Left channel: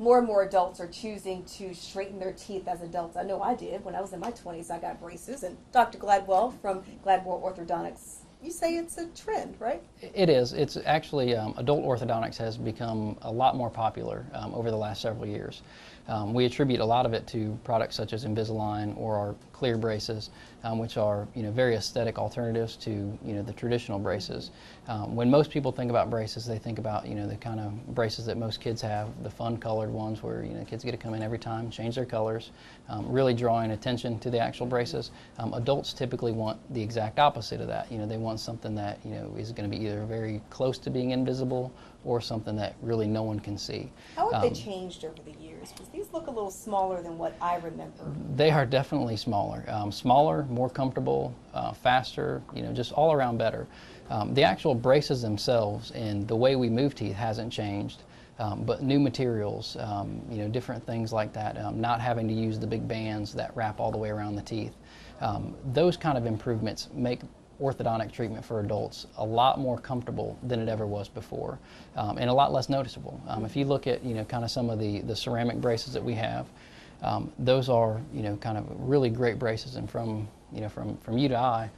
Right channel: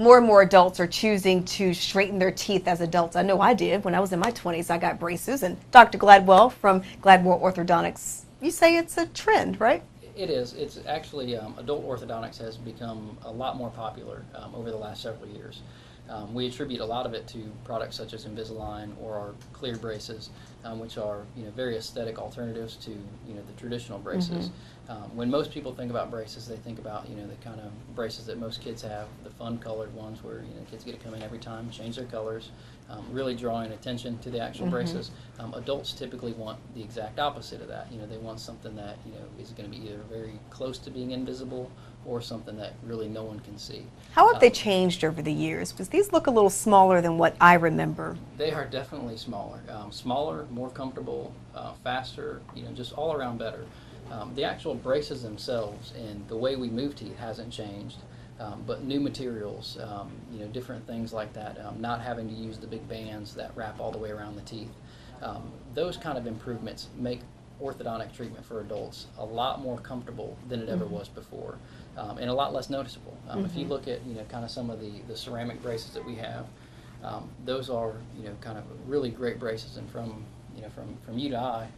More and more adults are choosing to straighten their teeth as adults. I know I did. When I was in my 20s, I got braces. And Dr. Gladwell from Gladwell Orthodontics, you say it's a trend, right? It is. It's actually, adult orthodontics has become a lot more popular over the last several years. We attribute a lot of it to products such as Invisalign or our clear braces, which are very aesthetic alternatives to the traditional braces. When most people think about braces, they think about the kind of braces that most kids have, the fun colored ones where kids get to come in every time, change their colors, really drawing attention to the actual braces. Adults typically want the exact opposite of that. They want something that is going to be either very close to being invisible or something that really no one can see. How have they changed over the years? Because these look a little smaller than what I remember. They are definitely smaller. Smaller, more comfortable, faster, just all around better. The actual braces themselves and the way we move teeth hasn't changed, but new materials, different things like that, not having to use the big bands that wrap all the way around the teeth. Those kind of improvements make orthodontic treatment for adults a lot more comfortable than it ever was before, and a lot less noticeable. If you look at kind of some of the ceramic braces that we have, those are kind of really great braces, and from you to eye,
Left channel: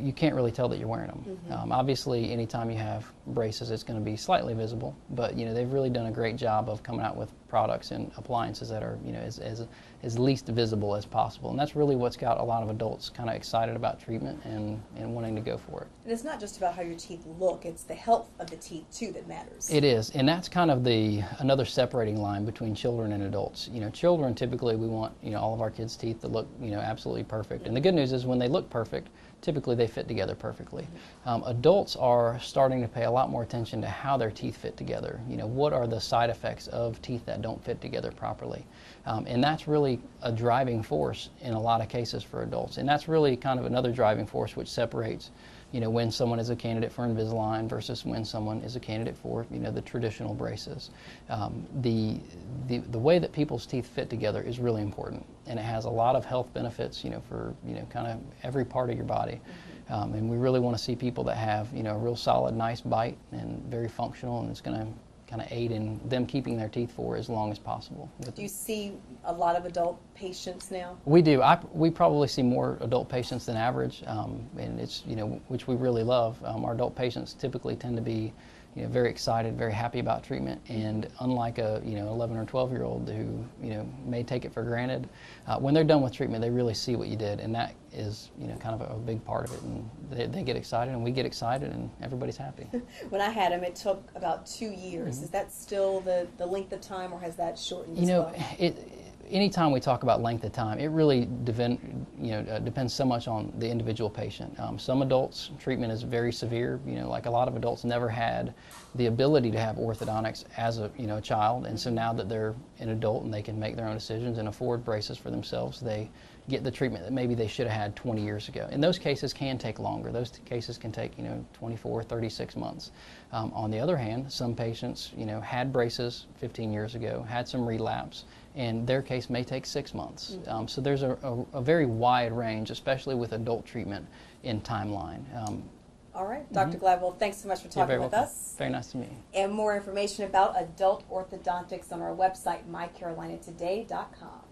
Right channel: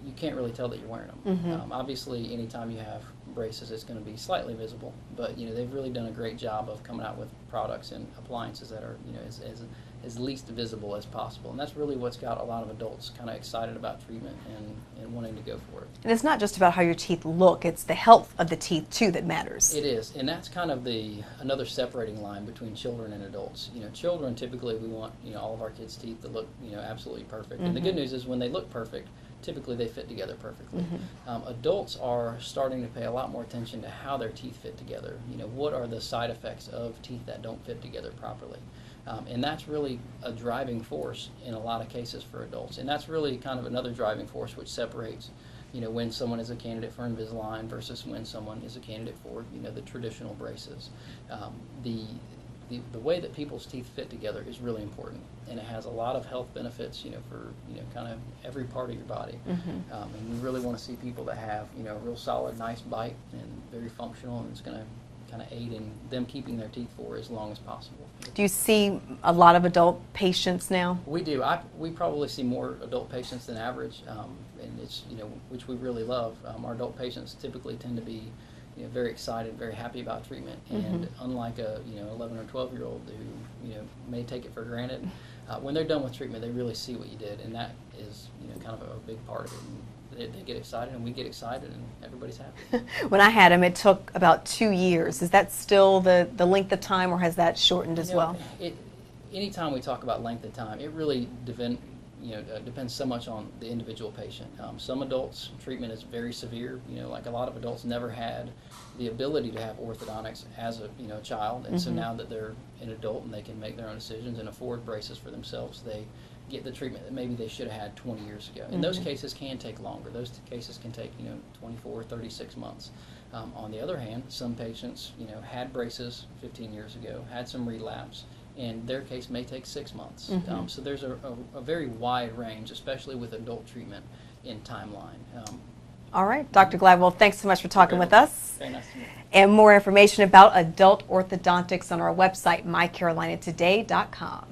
you can't really tell that you're wearing them. Obviously, anytime you have braces, it's going to be slightly visible, but they've really done a great job of coming out with products and appliances that are as least visible as possible, and that's really what's got a lot of adults kind of excited about treatment and wanting to go for it. And it's not just about how your teeth look, it's the health of the teeth too that matters. It is, and that's kind of another separating line between children and adults. Children, typically we want all of our kids' teeth to look absolutely perfect, and the good news is when they look perfect, typically they fit together perfectly. Adults are starting to pay a lot more attention to how their teeth fit together. What are the side effects of teeth that don't fit together properly? And that's really a driving force in a lot of cases for adults. And that's really kind of another driving force which separates when someone is a candidate for Invisalign versus when someone is a candidate for the traditional braces. The way that people's teeth fit together is really important, and it has a lot of health benefits for kind of every part of your body. And we really want to see people that have a real solid, nice bite and very functional, and it's going to kind of aid in them keeping their teeth for as long as possible. Do you see a lot of adult patients now? We do. We probably see more adult patients than average, and it's which we really love. Our adult patients typically tend to be very excited, very happy about treatment, and unlike a 11 or 12-year-old who may take it for granted, when they're done with treatment, they really see what you did, and that is kind of a big part of it. And they get excited, and we get excited, and everybody's happy. When I had him, it took about 2 years. Is that still the length of time, or has that shortened as well? Anytime we talk about length of time, it really depends so much on the individual patient. Some adults, treatment is very severe. Like a lot of adults never had the ability to have orthodontics as a child, and so now that they're an adult and they can make their own decisions and afford braces for themselves, they get the treatment that maybe they should have had 20 years ago. And those cases can take longer. Those cases can take 24, 36 months. On the other hand, some patients had braces 15 years ago, had some relapse, and their case may take 6 months. So there's a very wide range, especially with adult treatment in timeline. All right, Dr. Gladwell, thanks so much for talking with us. Very nice to meet you. And more information about adult orthodontics on our website, mycarolinatoday.com.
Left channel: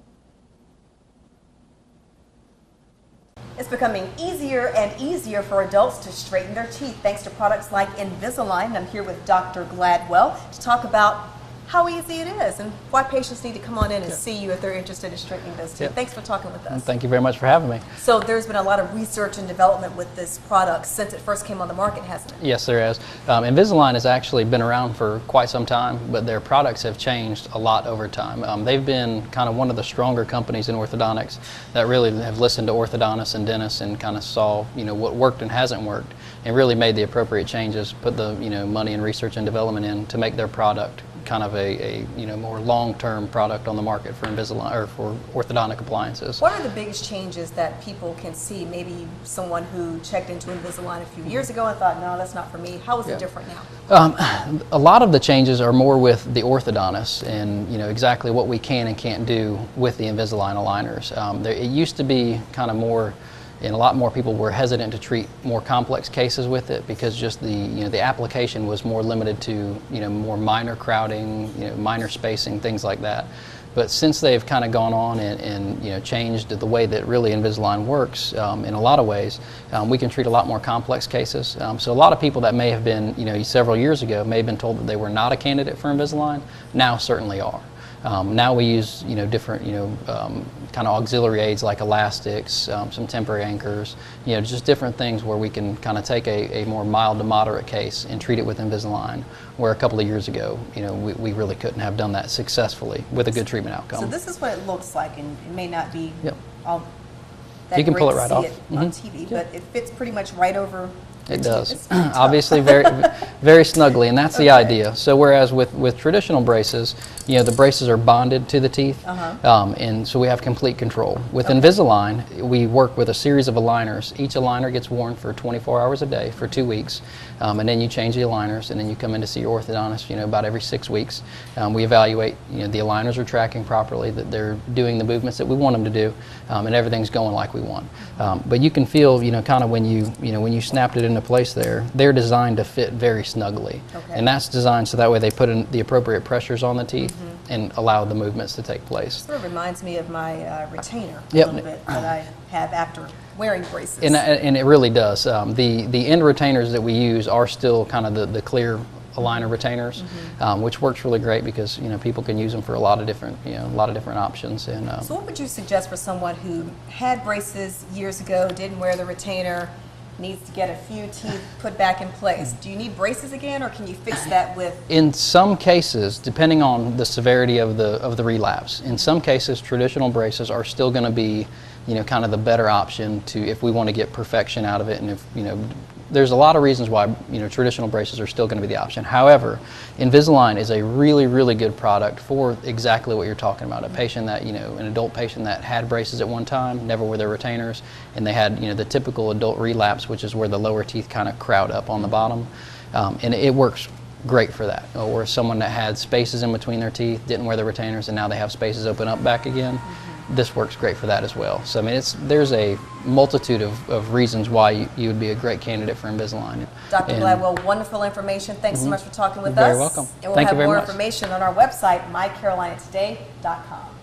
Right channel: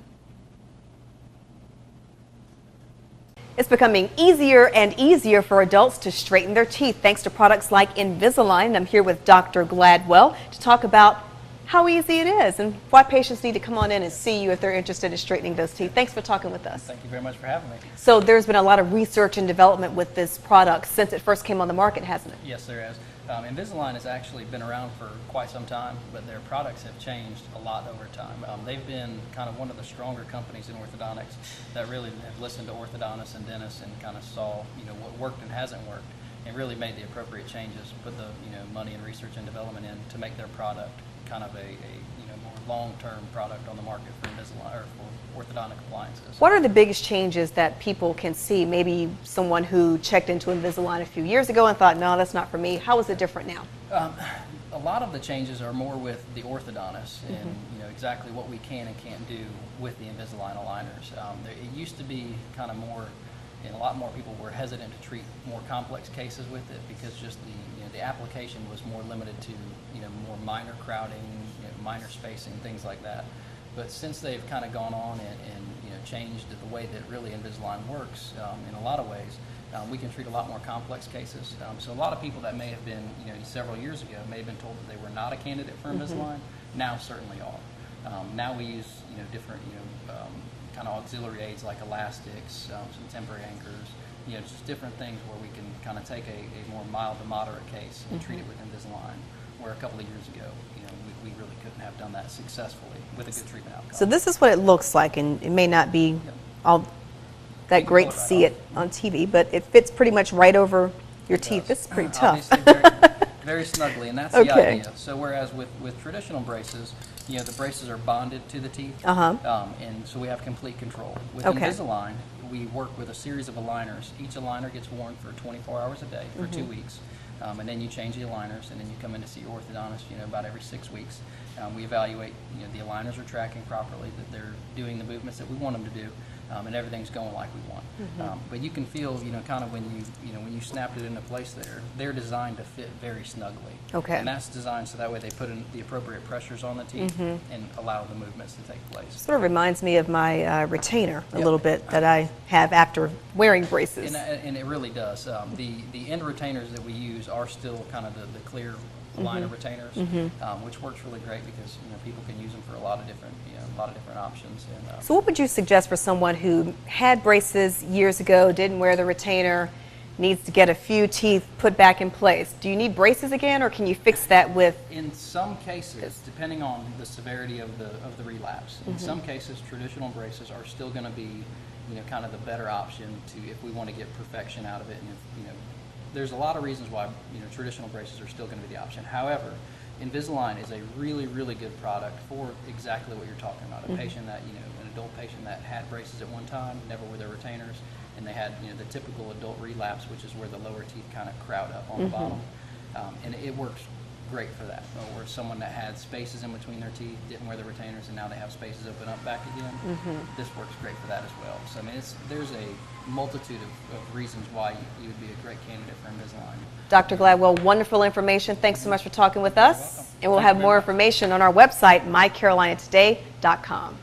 It's becoming easier and easier for adults to straighten their teeth thanks to products like Invisalign. I'm here with Dr. Gladwell to talk about how easy it is and why patients need to come on in and see you if they're interested in straightening those teeth. Thanks for talking with us. Thank you very much for having me. So there's been a lot of research and development with this product since it first came on the market, hasn't it? Yes, there has. Invisalign has actually been around for quite some time, but their products have changed a lot over time. They've been kind of one of the stronger companies in orthodontics that really have listened to orthodontists and dentists and kind of saw what worked and hasn't worked, and really made the appropriate changes, put the money and research and development in to make their product kind of a more long-term product on the market for Invisalign or for orthodontic appliances. What are the biggest changes that people can see? Maybe someone who checked into Invisalign a few years ago and thought, no, that's not for me. How is it different now? A lot of the changes are more with the orthodontist and exactly what we can and can't do with the Invisalign aligners. It used to be kind of more and a lot more people were hesitant to treat more complex cases with it because just the application was more limited to more minor crowding, minor spacing, things like that. But since they've kind of gone on and changed the way that really Invisalign works in a lot of ways, we can treat a lot more complex cases. So a lot of people that may have been several years ago may have been told that they were not a candidate for Invisalign, now certainly are. Now we use different kind of auxiliary aids like elastics, some temporary anchors, just different things where we can kind of take a more mild to moderate case and treat it with Invisalign, where a couple of years ago we really couldn't have done that successfully with a good treatment outcome. So this is what it looks like, and it may not be all that You can great pull it to right see off. it on TV, but it fits pretty much right over your It teeth. does. It's pretty tough. Obviously very snugly, and that's the Okay. idea. So whereas with traditional braces, the braces are bonded to the teeth, and so we have complete control. With Okay. Invisalign, we work with a series of aligners. Each aligner gets worn for 24 hours a day for 2 weeks, and then you change the aligners, and then you come in to see your orthodontist about every 6 weeks. We evaluate the aligners are tracking properly, that they're doing the movements that we want them to do, and everything's going like we want. But you can feel kind of when you snapped it into place there, they're designed to fit very snugly. Okay. And that's designed so that way they put in the appropriate pressures on the teeth and allow the movements to take place. Sort of reminds me of my retainer a Yep. little bit that I have after wearing braces. And it really does. The end retainers that we use are still kind of the clear aligner retainers, which works really great because people can use them for a lot of different options. And So what would you suggest for someone who had braces years ago, didn't wear the retainer, needs to get a few teeth put back in place? Do you need braces again, or can you fix that with? In some cases, depending on the severity of the relapse, in some cases traditional braces are still going to be kind of the better option if we want to get perfection out of it, and if there's a lot of reasons why traditional braces are still going to be the option. However, Invisalign is a really, really good product for exactly what you're talking about. A patient that an adult patient that had braces at one time, never wore their retainers, and they had the typical adult relapse, which is where the lower teeth kind of crowd up on the bottom, and it works great for that. Or someone that had spaces in between their teeth, didn't wear the retainers, and now they have spaces open up back again. This works great for that as well. So I mean, there's a multitude of reasons why you would be a great candidate for Invisalign. Dr. Gladwell, wonderful information. Thanks so much for talking with us. You're very welcome. And we'll Thank have you very more much. information on our website, mycarolinatoday.com.